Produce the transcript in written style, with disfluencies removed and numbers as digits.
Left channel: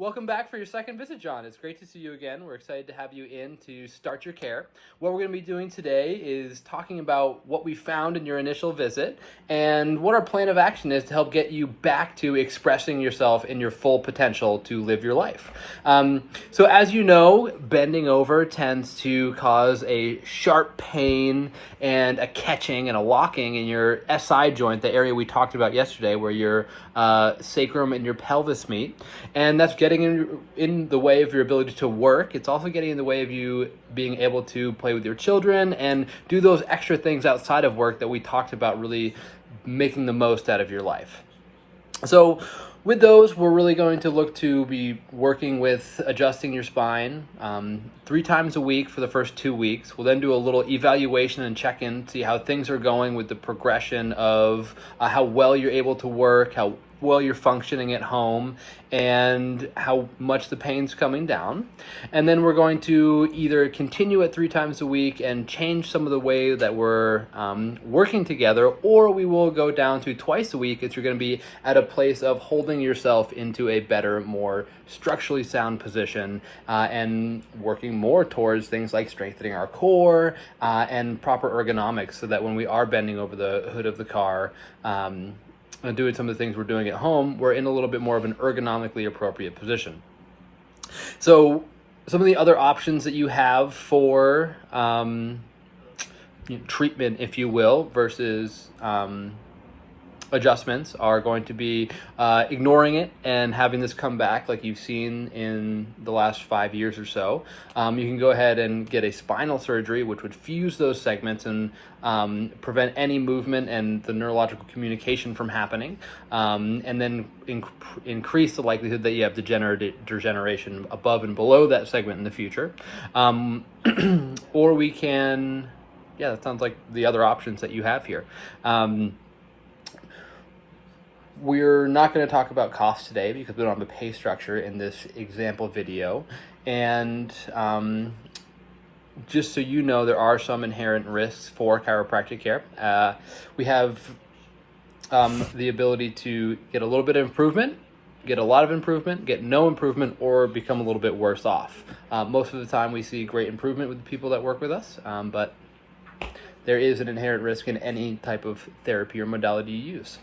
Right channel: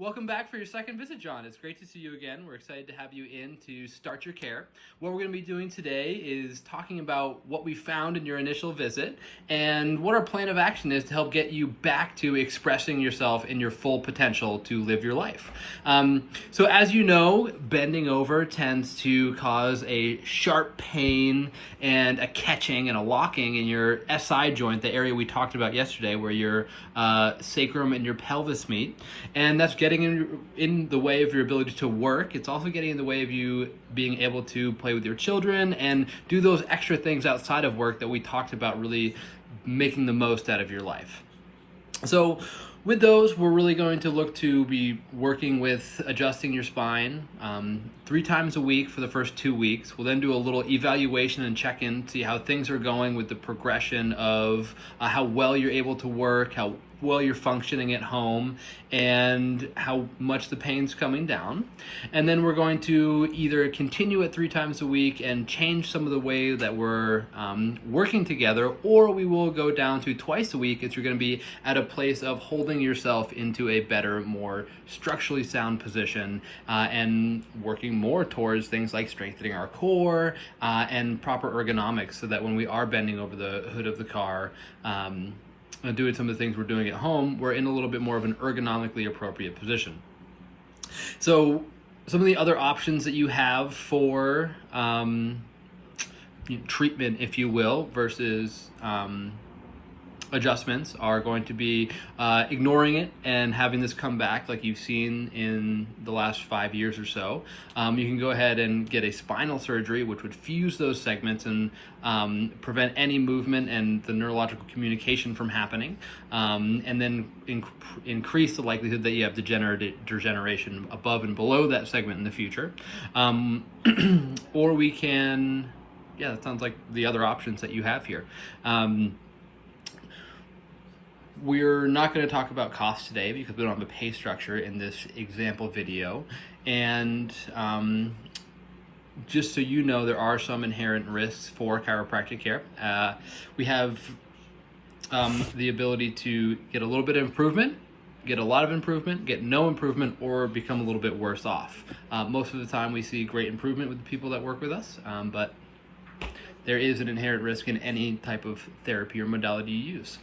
Welcome back for your second visit, John. It's great to see you again. We're excited to have you in to start your care. What we're going to be doing today is talking about what we found in your initial visit and what our plan of action is to help get you back to expressing yourself in your full potential to live your life. So as you know, bending over tends to cause a sharp pain and a catching and a locking in your SI joint, the area we talked about yesterday where your sacrum and your pelvis meet. And that's getting in the way of your ability to work. It's also getting in the way of you being able to play with your children and do those extra things outside of work that we talked about, really making the most out of your life. So with those, we're really going to look to be working with adjusting your spine 3 times a week for the first 2 weeks. We'll then do a little evaluation and check-in, see how things are going with the progression of how well you're able to work, how well you're functioning at home, and how much the pain's coming down. And then we're going to either continue at 3 times a week and change some of the way that we're working together, or we will go down to twice a week if you're going to be at a place of holding yourself into a better, more structurally sound position and working more towards things like strengthening our core and proper ergonomics, so that when we are bending over the hood of the car and doing some of the things we're doing at home, we're in a little bit more of an ergonomically appropriate position. So some of the other options that you have for treatment, if you will, versus adjustments are going to be ignoring it and having this come back like you've seen in the last 5 years or so. You can go ahead and get a spinal surgery, which would fuse those segments and prevent any movement and the neurological communication from happening, and then increase the likelihood that you have degeneration above and below that segment in the future. Or we can, that sounds like the other options that you have here. We're not going to talk about cost today because we don't have a pay structure in this example video. And just so you know, there are some inherent risks for chiropractic care. We have the ability to get a little bit of improvement, get a lot of improvement, get no improvement, or become a little bit worse off. Most of the time we see great improvement with the people that work with us, but there is an inherent risk in any type of therapy or modality you use.